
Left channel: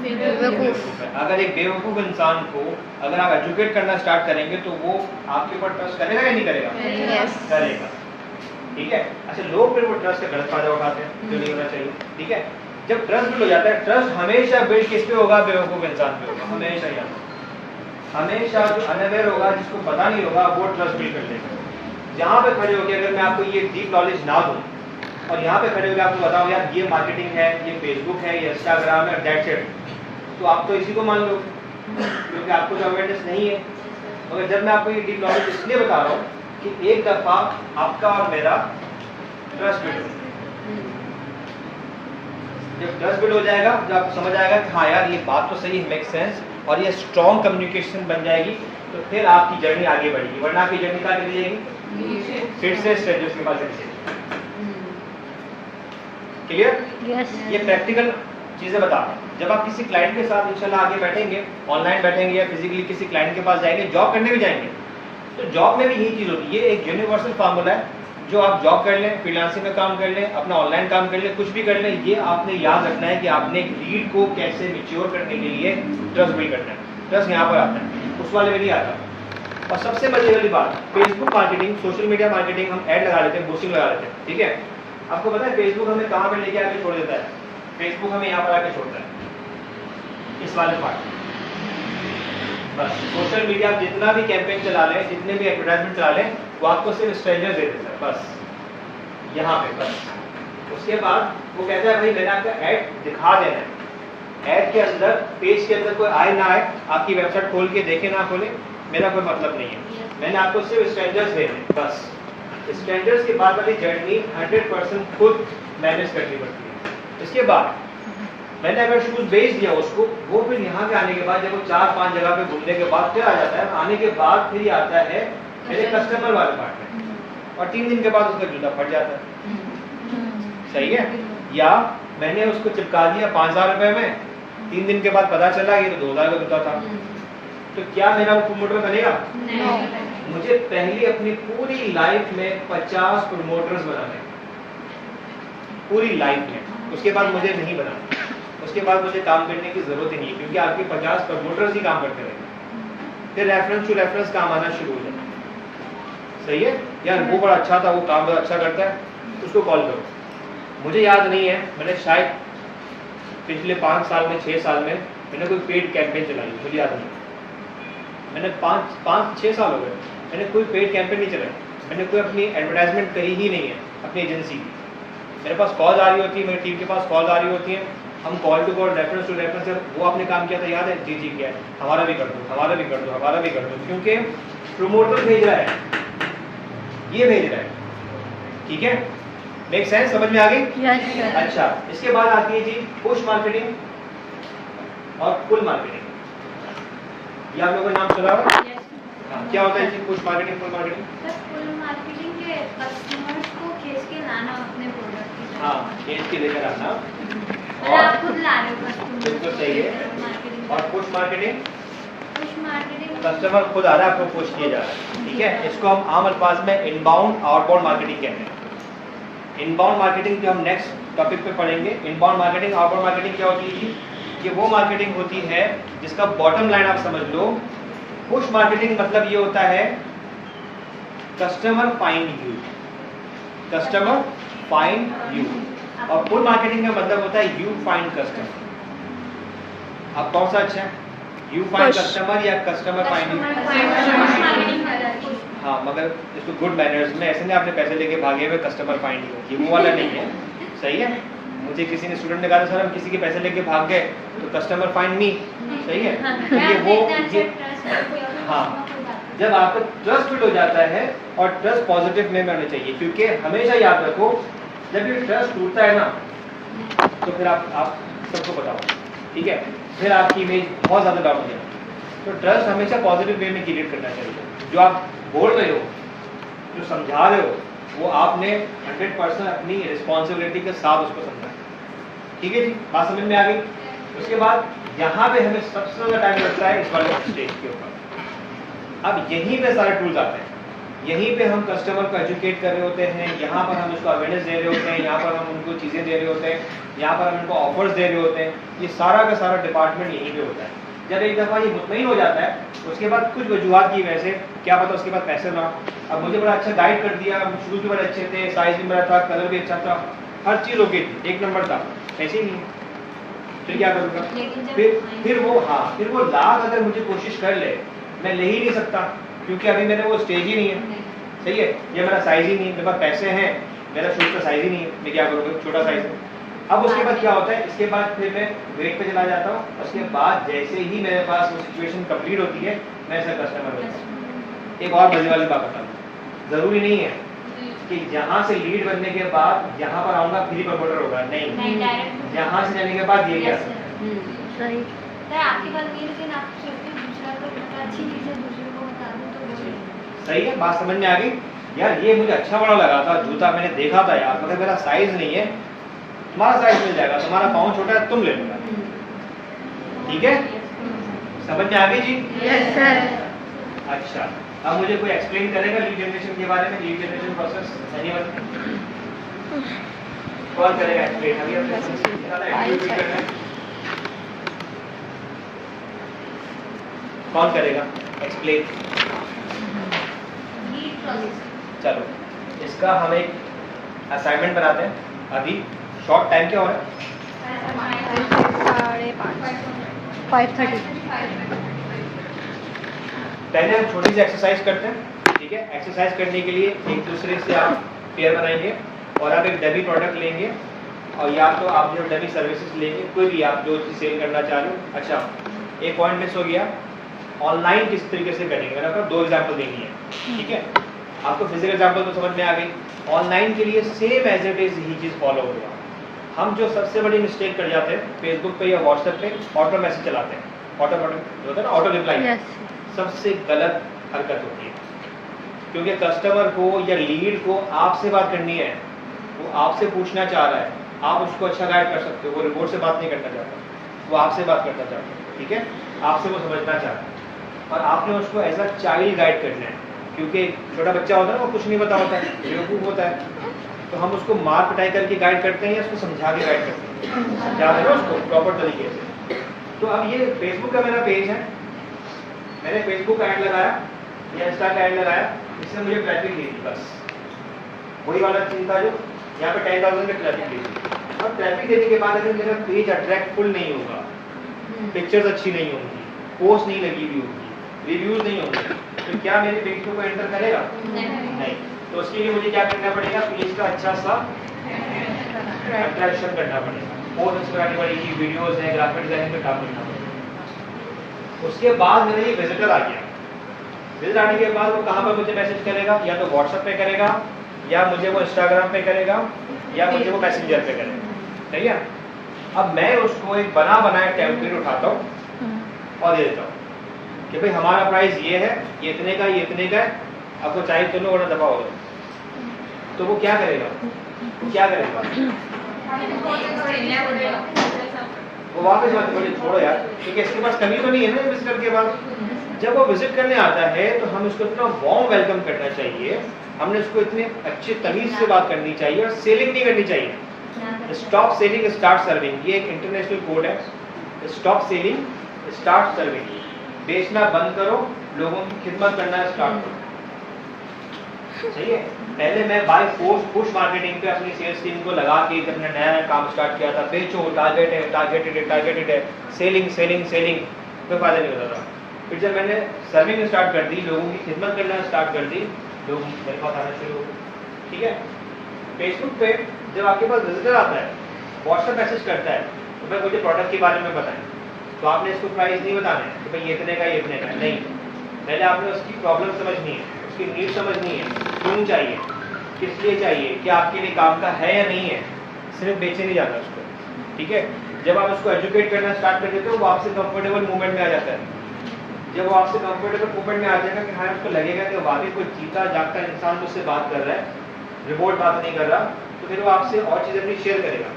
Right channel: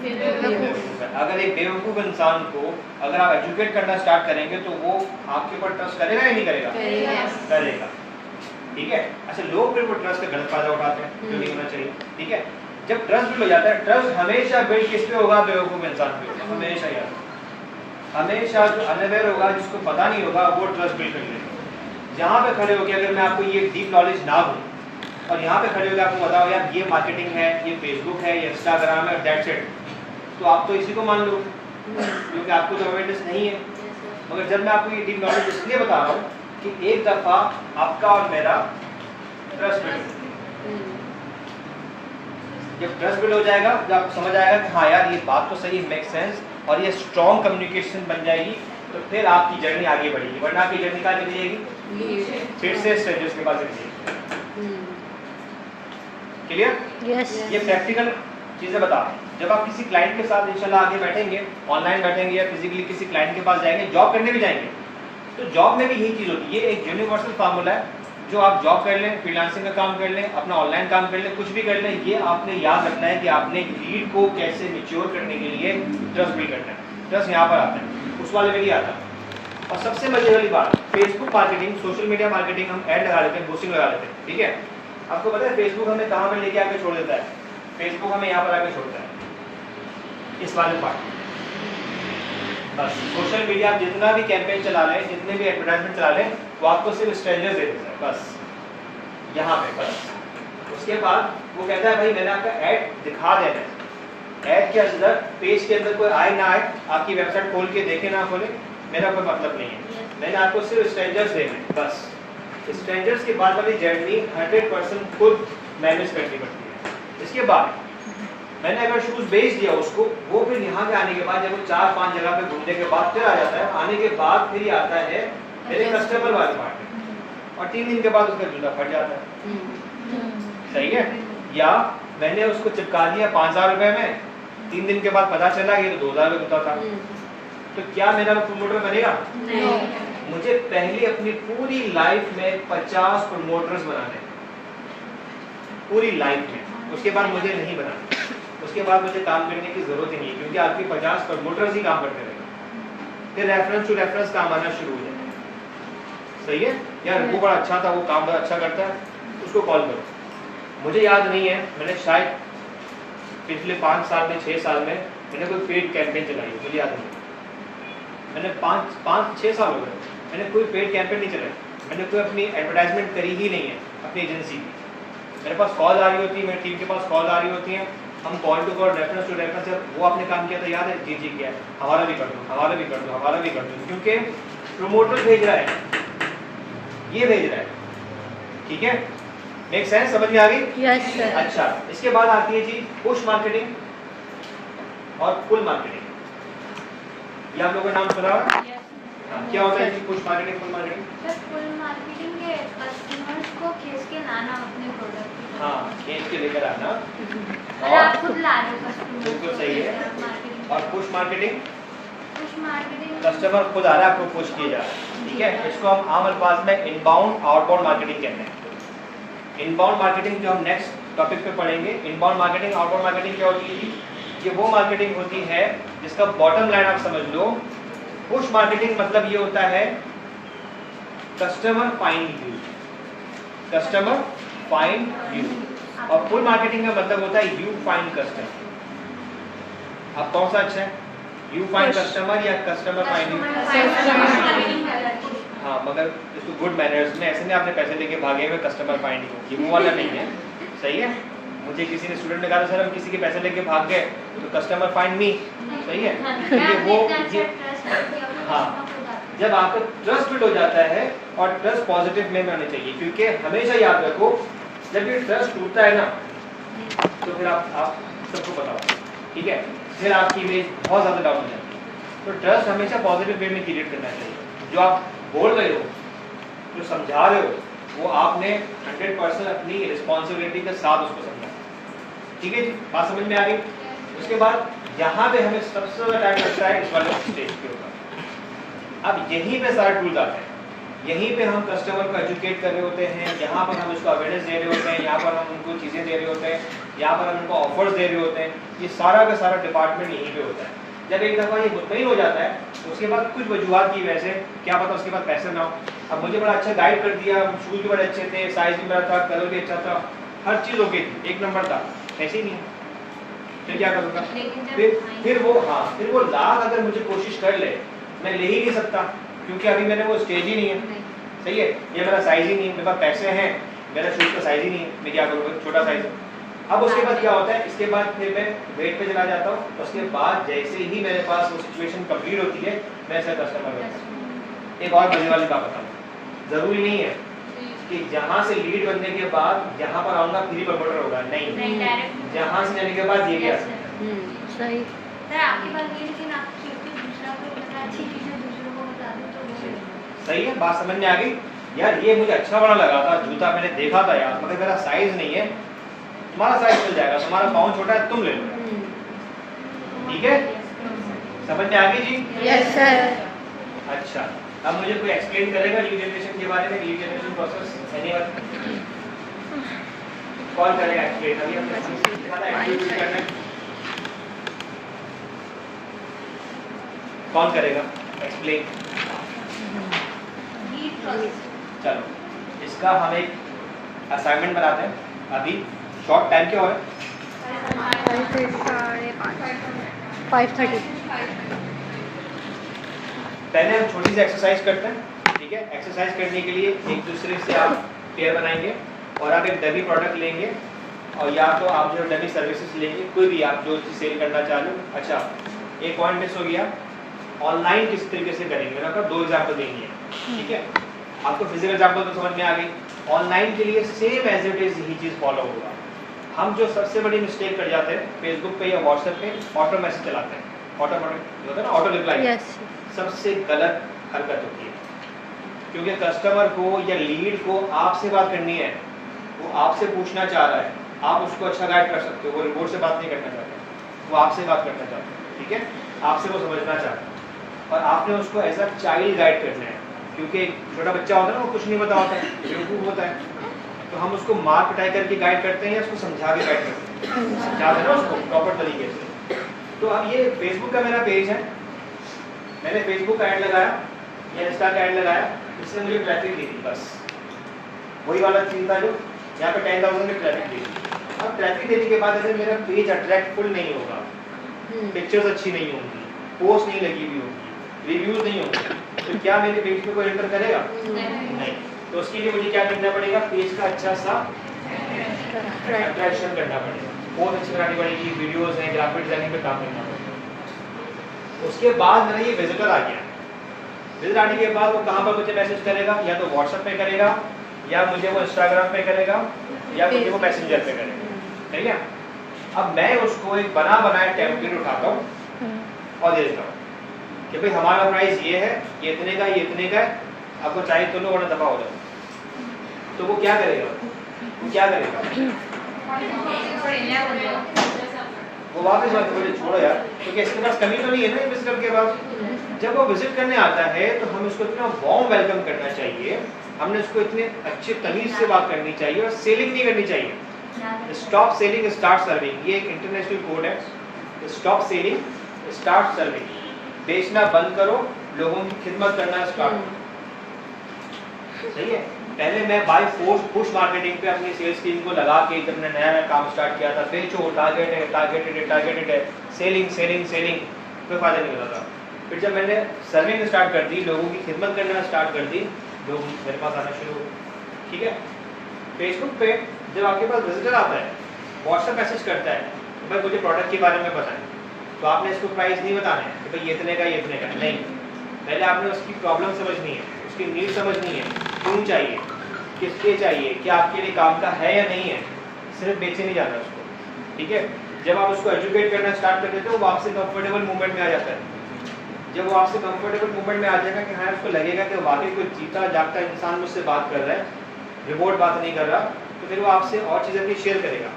बेवकूफ है। अगर एक बेवकूफ इंसान को अगर आप एजुकेट करना स्टार्ट करेंगे तो वो आपके ऊपर ट्रस्ट करेगा या नहीं करेगा, करेगा, ठीक है। अच्छा, लोग फिर वो ट्रस्ट का गलत फायदा उठाते हैं जो नहीं होना चाहिए, ठीक है। जब ट्रस्ट बिल्ड हो जाता है, ट्रस्ट हमेशा बिल्ड किस पे होगा, बेवकूफ इंसान पे होगा, हमेशा याद, हमेशा जो अनअवेयर होगा, जिसको पता नहीं होगा, वो ट्रस्ट बिल्ड कर लेगा। यहाँ पे खड़े होकर अगर मैं आपको ये डीप नॉलेज ना दूँ और यहाँ पे खड़े होकर आपको बताओ यार ये मार्केटिंग है, ये फेसबुक है, ये इंस्टाग्राम है, दैट्स इट, तो आप तो इसी को मान लो क्योंकि आपको तो अवेयरनेस नहीं है। मगर जब मैं आपको ये डीप नॉलेज इसलिए बता रहा हूँ कि एक दफ़ा आपका और मेरा ट्रस्ट बिल्ड हो, जब ट्रस्ट बिल्ड हो जाएगा, जब आपको समझ आएगा कि हाँ यार ये बात तो सही मेक सेंस और ये स्ट्रॉन्ग कम्युनिकेशन बन जाएगी, तो फिर आपकी जर्नी आगे बढ़ेगी। वरना आपकी जर्नी कहाँ निकल जाएगी? फिर से स्ट्रेंजर्स के पास चली जाएगी। क्लियर? Yes. ये प्रैक्टिकल चीजें बता। जब आप किसी क्लाइंट के साथ इंशाल्लाह आगे बैठेंगे, ऑनलाइन बैठेंगे या फिजिकली किसी क्लाइंट के पास जाएंगे, जॉब करने भी जाएंगे, तो जॉब में भी यही चीज होती है। ये एक यूनिवर्सल फार्मूला है, जो आप जॉब कर लें, फ्रीलांसिंग का काम कर लें, अपना ऑनलाइन काम कर लें, कुछ भी कर लें, ये आपने याद रखना है कि आपने लीड को कैसे मैच्योर करने के लिए ट्रस्ट बिल्ड करना है। ट्रस्ट यहाँ पर आता है, उस वाले में नहीं आता। और सबसे मजे वाली बात, Facebook marketing, social media marketing, हम ऐड लगा लेते हैं, बूस्टिंग लगा लेते हैं, ठीक है। आपको पता है फेसबुक हमें कहाँ पे लेके आके छोड़ देता है? फेसबुक हमें यहाँ पर आके छोड़ता है, इस वाले पार्ट। बस सोशल मीडिया आप जितना भी कैंपेन चला लें, जितने भी एडवर्टाइजमेंट चला लें, वो आपको सिर्फ स्ट्रेंजर्स दे देता है, बस यहाँ पे बस। उसके बाद वो कहता है भाई मैंने आपका ऐड दिखा देना है। ऐड के अंदर, पेज के अंदर कोई आए ना आए, आपकी वेबसाइट खोल के देखे ना खोले, मेरा कोई मतलब नहीं है। मैंने आपको सिर्फ स्ट्रेंजर्स देने हैं, बस। स्ट्रेंजर्स के बाद वाली जर्नी 100% खुद मैनेज करनी पड़ती है। इसके बाद मैंने अगर शूज बेच दिया उसको, वो फिर यहाँ के आने के बाद जब वो 4-5 जगह पे घूमने के बाद फिर आ जाता है, आने के बाद फिर ये आता है मेरे कस्टमर वाले पार्ट में, और 3 दिन के बाद उसका जूता फट जाता है। सही है? या मैंने उसको चिपका दिया 5000 रुपए में, 3 दिन के बाद पता चला कि 2000 का जूता था, तो क्या मेरा वो प्रमोटर बनेगा? मुझे पहले अपनी पूरी लाइफ में 50 प्रमोटर्स बनाने हैं, पूरी लाइफ में। उसके बाद मुझे नहीं बनाना, उसके बाद मुझे काम करने की जरूरत ही नहीं है, क्योंकि आपके 50 प्रमोटर्स ही काम करते रहेंगे। फिर रेफरेंस टू रेफरेंस काम आना शुरू हो जाए। सही है? यार वो बड़ा अच्छा था, वो काम बड़ा अच्छा करता है, उसको कॉल करो। मुझे याद नहीं है, मैंने शायद पिछले 5 साल में, 6 साल में मैंने कोई पेड कैंपेन चलाई, मुझे याद नहीं। मैंने 5-6 साल हो गए, मैंने कोई पेड कैंपेन नहीं चलाई, मैंने कोई अपनी एडवर्टाइजमेंट करी ही नहीं है अपनी एजेंसी की। मेरे पास कॉल आ रही होती है, मेरी टीम के पास कॉल आ रही होती है, हम call to call, reference to reference, वो आपने काम किया था याद है? जी जी किया है, हमारा भी कर दो, हमारा भी कर दो, हमारा भी कर दो, क्योंकि प्रमोटर भेज रहा है, ये भेज रहा है। ठीक है? Make sense? समझ में आ गई? Yes, sir. अच्छा, इसके बाद आती है जी पुश मार्केटिंग और पुल मार्केटिंग। ये आप लोगों ने नाम सुना होगा? क्या होता है जी push marketing, pull marketing? Sir full marketing के कस्टमर्स को खींच के लाना अपने प्रोडक्ट की तरफ। हाँ, खींच के लेकर आना। और आप खुद ला रहे हो कस्टमर बिल्कुल सही है। मार्केटिंग। और push marketing, push marketing customer खुद आ रहा है, आपको पुश किया जा रहा है। ठीक है? इसको हम आम अल्फाज में इनबाउंड आउटबाउंड मार्केटिंग कहते हैं। इनबाउंड मार्केटिंग जो हम नेक्स्ट टॉपिक पे पढ़ेंगे, इनबाउंड मार्केटिंग, आउटबाउंड मार्केटिंग क्या होती है? ये वो मार्केटिंग होती है जिसका बॉटम लाइन आप समझ लो। पुश मार्केटिंग मतलब ये होता है customer find you, customer find you, और पुल मार्केटिंग का मतलब होता है यू फाइंड कस्टमर। अब कौन सा अच्छा है, यू फाइंड कस्टमर या कस्टमर फाइंड यू? मार्केटिंग हाँ, मगर इसको गुड मैनर्स में, ऐसे नहीं आपने पैसे देके भागे हुए कस्टमर फाइंड हो, ये वो वाला नहीं है। सही है? मुझे किसी ने स्टूडेंट ने कहा सर हम किसी के पैसे लेके भाग गए तो कस्टमर फाइंड नहीं। सही है? क्योंकि वो हाँ, जब आपका ट्रस्ट बिल्ड हो जाता है, और ट्रस्ट पॉजिटिव में होना चाहिए, क्योंकि हमेशा याद रखो जब ये ट्रस्ट टूटता है ना, तो फिर आप सबको पता हो, ठीक है, फिर आपकी इमेज बहुत ज़्यादा डाउन हो जाती है। तो ट्रस्ट हमेशा पॉजिटिव वे में क्रिएट करना चाहिए। जो आप बोल रहे हो, जो समझा रहे हो, वो आपने 100% अपनी रिस्पॉन्सिबिलिटी के साथ उसको समझा। ठीक है जी, बात समझ में आ गई? उसके बाद यहाँ पे हमें सबसे ज़्यादा टाइम लगता है इस वाले स्टेज के ऊपर। अब यहीं पे सारे टूल्स आते हैं, यहीं पे हम कस्टमर को एजुकेट कर रहे होते हैं, यहाँ पर हम उसको अवेयरनेस दे रहे होते हैं, यहाँ पर हम उनको चीज़ें दे रहे होते हैं, यहाँ पर हम उनको ऑफर्स दे रहे होते हैं। ये सारा का सारा डिपार्टमेंट यहीं पे होता है। जब एक दफ़ा ये मुतमईन हो जाता है, उसके बाद कुछ वजूहत की वजह से, क्या पता उसके बाद पैसे ना हो, अब मुझे बड़ा अच्छा गाइड कर दिया, शूज़ भी बड़े अच्छे थे, साइज़ भी बड़ा था, कलर भी अच्छा था, हर चीज़ ओके थी, 1 नंबर था, ऐसे ही नहीं, फिर क्या करूँगा? फिर वो लाख अगर मुझे कोशिश कर ले, मैं ले ही नहीं सकता, क्योंकि अभी मैंने वो स्टेज ही नहीं है। सही है? ये मेरा साइज़ ही नहीं है, मेरे पास पैसे हैं, मेरा शूज़ का साइज ही नहीं है, मैं क्या करूँगा, छोटा साइज है। अब उसके बाद क्या होता है, इसके बाद फिर मैं वेट पे चला जाता हूँ। उसके बाद जैसे ही मेरे पास वो सिचुएशन कंप्लीट होती है, मैं ऐसा कस्टमर बनता हूँ। एक और मजे वाली बात बताऊँ, ज़रूरी नहीं है कि जहाँ से लीड बनने के बाद यहाँ पर आऊँगा फिर ही प्रमोटर होगा, नहीं, डायरेक्ट जहाँ से जाने के बाद ये भी आ सकता है। सही। सर आपकी बात नहीं, लेकिन आप सोचते दूसरा को मतलब अच्छी चीज़ें दूसरों को बता दूँ तो वो सही है, बात समझ में आ गई। यार ये मुझे अच्छा बड़ा लगा था जूता, मैंने देखा था यार, मगर मेरा साइज नहीं है, तुम्हारा साइज मिल जाएगा, तुम्हारा पाँव छोटा है, तुम ले लो। ठीक है, समझ में आ गई जी? Yes sir. अच्छा, अब मुझे कोई एक्सप्लेन करेगा लीड जनरेशन के बारे में, लीड जनरेशन प्रोसेस? एनीवन? कौन करेगा एक्सप्लेन? अभी एक्टिविटी करना है, कौन करेगा एक्सप्लेन? Lead process. चलो, इसका हम एक असाइनमेंट बनाते हैं। अभी शॉर्ट टाइम क्या हो रहा है? 5:30। पहले हम छोटी सी एक्सरसाइज करते हैं, ठीक है? एक्सरसाइज करने के लिए एक दूसरे से आप पेयर बनाएंगे और आप एक डमी प्रोडक्ट लेंगे, और या तो आप जो डमी सर्विसेज लेंगे, कोई भी आप जो चीज़ सेल करना चाह रहे हो। अच्छा, एक पॉइंट मिस हो गया, ऑनलाइन किस तरीके से करेंगे, मैंने आपको 2 एग्जाम्पल देंगे, ठीक है? आपको फिजिकल एग्जाम्पल तो समझ में आ गई। ऑनलाइन के लिए सेम एज इट इज यही चीज़ फॉलो होगा। हम जो सबसे बड़ी मिस्टेक कर जाते हैं फेसबुक पे या व्हाट्सएप पे, ऑटो मैसेज चलाते हैं, ऑटो जो होता है ना, ऑटो रिप्लाई, यस। सबसे गलत हरकत होती है। क्योंकि कस्टमर को या लीड को आपसे बात करनी है, वो आपसे पूछना चाह रहा है, आप उसको अच्छा गाइड कर सकते हो। वो रिपोर्ट से बात नहीं करना चाहता, वो आपसे बात करना चाहता है, ठीक है? आपसे वो समझना चाहता है, और आपने उसको एज अ चाइल्ड गाइड करना है। क्योंकि छोटा बच्चा होता है ना, वो कुछ नहीं पता होता है, बेवकूफ़ होता है, तो हम उसको मार पिटाई करके गाइड करते हैं या उसको समझा के गाइड करते हैं, समझा देना उसको प्रॉपर तरीके से। तो अब ये फेसबुक का मेरा पेज है, मैंने फेसबुक का ऐड लगाया या इंस्टा का ऐड लगाया, इसने मुझे ट्रैफिक दी थी, बस वही वाला सीन था जो यहाँ पे 10,000 की ट्रैफिक दी थी। अब ट्रैफिक देने के बाद अगर मेरा पेज अट्रैक्टफुल नहीं होगा, पिक्चर्स अच्छी नहीं होंगी, पोस्ट नहीं लगी हुई होगी, रिव्यूज नहीं होंगे, तो क्या मेरे पेज पे कोई एंटर करेगा? नहीं। तो उसके लिए मुझे क्या करना पड़ेगा? पेज का अच्छा सा अट्रैक्शन करना पड़ेगा, पोस्ट अच्छी बनानी पड़ेगी, वीडियोस हैं, ग्राफिक डिजाइनिंग पे काम करना पड़ेगा। उसके बाद मेरा ये विजिटर आ गया, विजिट आने के बाद वो कहाँ पर मुझे मैसेज करेगा? या तो व्हाट्सएप पे करेगा, या मुझे वो इंस्टाग्राम पे करेगा, या मुझे वो मैसेंजर पे करेगा, ठीक है? अब मैं उसको एक बना बनाया टेम्पलेट उठाता हूँ और दे देता हूँ कि भाई हमारा प्राइस ये है, ये इतने का, ये इतने का है, आपको चाहिए तो लो वरना दफा होगा। तो वो क्या करेगा? वो क्या करेगा? वो वापस बात बोले छोड़ो यार, क्योंकि इसके पास कमी तो नहीं है ना विजिटर के बाद। जब वो विजिट करने आता है तो हम इसको इतना वार्म वेलकम करना चाहिए, हमने उसको इतने अच्छे तमीज से बात करनी चाहिए और सेलिंग नहीं करनी चाहिए। स्टॉप सेलिंग स्टार्ट सर्विंग, ये एक इंटरनेशनल कोड है। स्टॉप सेलिंग स्टार्ट सर्विंग, बेचना बंद करो, लोगों की खिदमत करना स्टार्ट करो, सही है? पहले मैं बाय फोर्स पुश मार्केटिंग पे अपनी सेल्स टीम को लगा के जब मैंने नया काम स्टार्ट किया था, बेचो, टारगेट है, टारगेटेड है, टारगेटेड है, सेलिंग सेलिंग सेलिंग, कोई फायदा नहीं होता था। फिर जब मैंने सर्विंग स्टार्ट कर दी, लोगों की खिदमत करना स्टार्ट कर दी, लोग मेरे पास आना शुरू हो गए, ठीक है? फेसबुक पे जब आपके पास विजिटर आता है, व्हाट्सएप मैसेज करता है तो भाई मुझे प्रोडक्ट के बारे में बताएं, तो आपने इसको प्राइस नहीं बताना है कि भाई ये इतने का, ये इतने का, नहीं। पहले आपने उसकी प्रॉब्लम समझनी है, उसकी नीड समझनी है, क्यों चाहिए, किस लिए चाहिए, क्या आपके लिए काम का है या नहीं है, सिर्फ बेचे नहीं जाना उसको, ठीक है? जब आप उसको एजुकेट करना स्टार्ट कर देते हो, वो आपसे कंफर्टेबल मूवमेंट में आ जाता है। जब वो आपसे कंफर्टेबल मूवमेंट में आ जाएगा कि हाँ उसको लगेगा कि वाकई कोई जीता जागता इंसान मुझसे बात कर रहा है, रिमोट बात नहीं कर रहा, तो फिर वो आपसे और चीज़ें अपनी शेयर करेगा,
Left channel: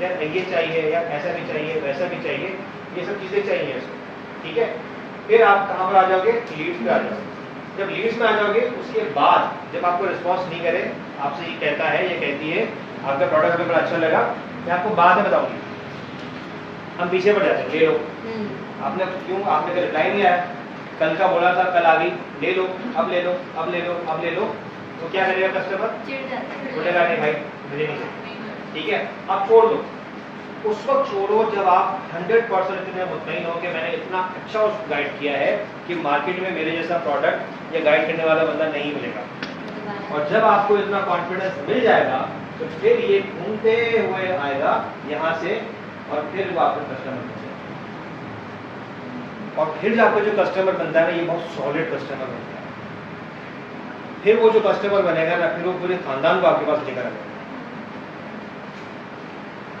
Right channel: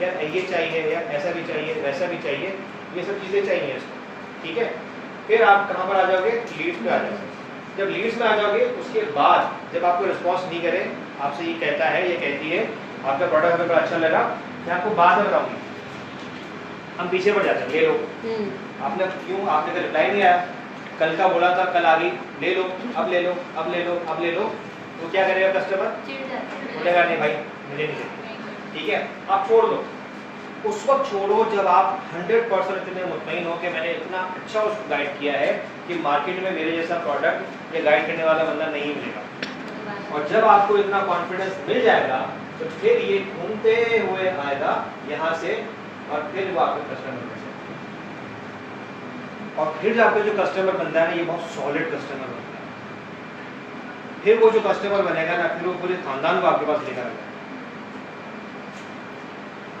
यार ये चाहिए, यार ऐसा भी चाहिए, वैसा भी चाहिए, ये सब चीज़ें चाहिए उसको, ठीक है? फिर आप कहाँ पर आ जाओगे? लीड्स पे आ जाओगे। जब लीड्स में आ जाओगे, उसके बाद जब आपको रिस्पॉन्स नहीं करे, आपसे ये कहता है, ये कहती है आपका प्रोडक्ट हमें बड़ा अच्छा लगा, मैं आपको बाद में बताऊंगी, हम पीछे पड़ जाते हैं, ले लो। आपने क्यों, आपने रिप्लाई नहीं आया, कल का बोला था, कल आ गई, ले लो, अब ले लो, अब ले लो, अब ले लो, तो क्या करेगा कस्टमर? बोलेगा नहीं भाई मुझे नहीं चाहिए, ठीक है? आप छोड़ दो। उस वक्त छोड़ो जब आप 100% इतने मुतमईन हो कि मैंने इतना अच्छा उसको गाइड किया है कि मार्केट में मेरे जैसा प्रोडक्ट या गाइड करने वाला बंदा नहीं मिलेगा। और जब आपको इतना कॉन्फिडेंस मिल जाएगा तो फिर ये घूमते हुए आएगा यहाँ से और फिर वो आपका कस्टमर बन जाएगा। और फिर आपको जो कस्टमर बनता है ना, ये बहुत सॉलिड कस्टमर बनता है। फिर वो जो कस्टमर बनेगा ना, फिर वो पूरे खानदान को आपके पास लेकर आएगा।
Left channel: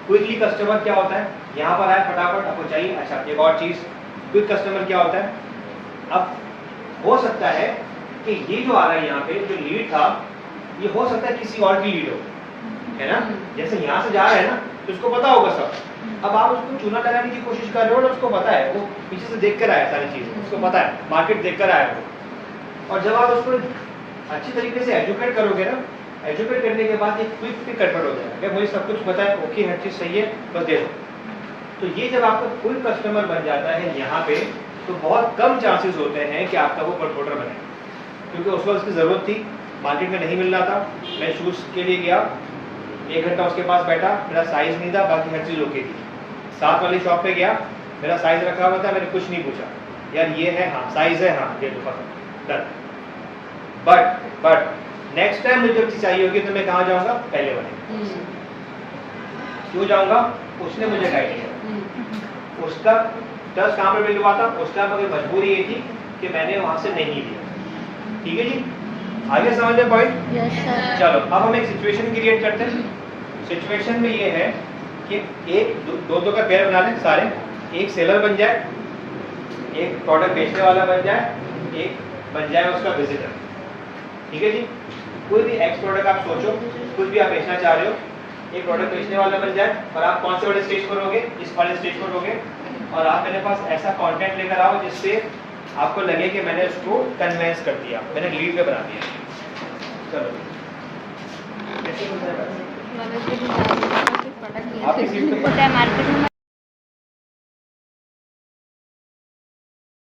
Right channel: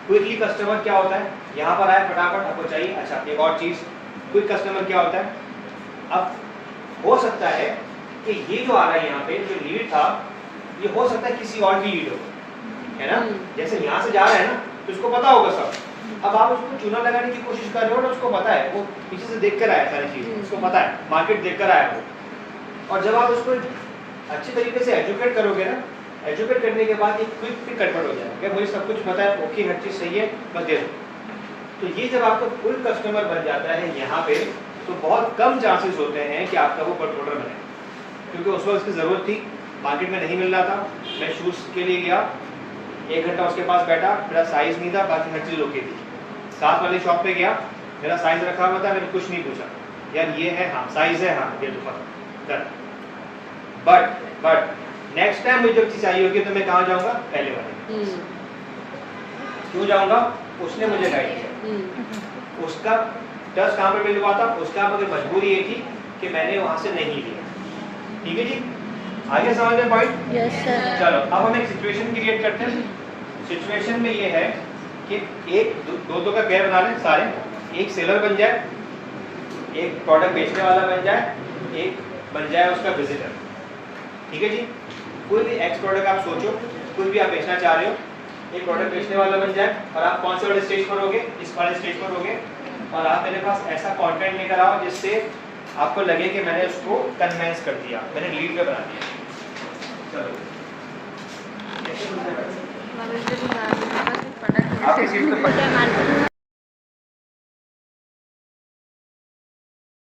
क्विकली कस्टमर क्या होता है, यहाँ पर आए फटाफट आपको चाहिए, अच्छा एक और चीज, क्विक कस्टमर क्या होता है, अब हो सकता है कि ये जो आ रहा है यहाँ पे जो लीड था, ये हो सकता है किसी और की लीड हो, है ना। जैसे यहाँ से जा रहा है ना तो उसको पता होगा सब, अब आप उसको चूना लगाने की कोशिश कर रहे हो ना, उसको पता है, वो पीछे से देख कर आया सारी चीजें, उसको पता है, मार्केट देख कर आया वो। और जब आप उसको अच्छी तरीके से एजुकेट करोगे ना, एजुकेट करने के बाद ये क्विक पे कन्वर्ट हो जाएगा, मुझे सब कुछ पता है, ओके हर चीज़ सही है, बस दे दो। तो ये जब आपका क्विक कस्टमर बन जाता है यहाँ पे, तो बहुत कम चांसेस होते हैं कि आपका वो प्रमोटर बने, क्योंकि उस वक्त उसकी ज़रूरत थी, मार्केट में नहीं मिल रहा था। मैं शूज़ के लिए गया, 1 घंटा उसके पास बैठा, मेरा साइज़ नहीं था, बाकी हर चीज़ ओके थी। साथ वाली शॉप पे गया, मेरा साइज़ रखा हुआ था, मैंने कुछ नहीं पूछा, यार ये है, हाँ साइज़ है, हाँ ये तो डन। बट नेक्स्ट टाइम मुझे जब चीज़ चाहिए होगी तो मैं कहाँ जाऊँगा, पहले वाले। क्यों जाऊँगा, उसने मुझे गाइड किया, उसका ट्रस्ट कहाँ पर बिल्ड हुआ था, उसका मगर मजबूरी ये थी कि मैंने वहाँ से नहीं लिया। ठीक है जी, आगे समझ में पॉइंट। Yes sir. चलो अब हम एक सिचुएशन क्रिएट करते हैं। सिचुएशन में ये है कि एक दो का पेयर बना लें सारे, एक सेलर बन जाए, एक प्रोडक्ट बेचने वाला बन जाए, एक बन जाए उसका विजिटर। ठीक है जी, कोई भी एक्स प्रोडक्ट आप सोचो, कुछ भी आप बेचना चाह रहे हो, एक प्रोडक्ट बेचने वाला बन जाए, और आप कौन से वाले स्टेज पर होगे, इस वाले स्टेज पर होगे, और आप मेरे पास ऐसा कंटेंट लेकर आओ जिससे आपको लगे कि मैंने उसको कन्वेंस कर दिया, मैंने लीड पे बना दिया। चलो आपकी सीट पे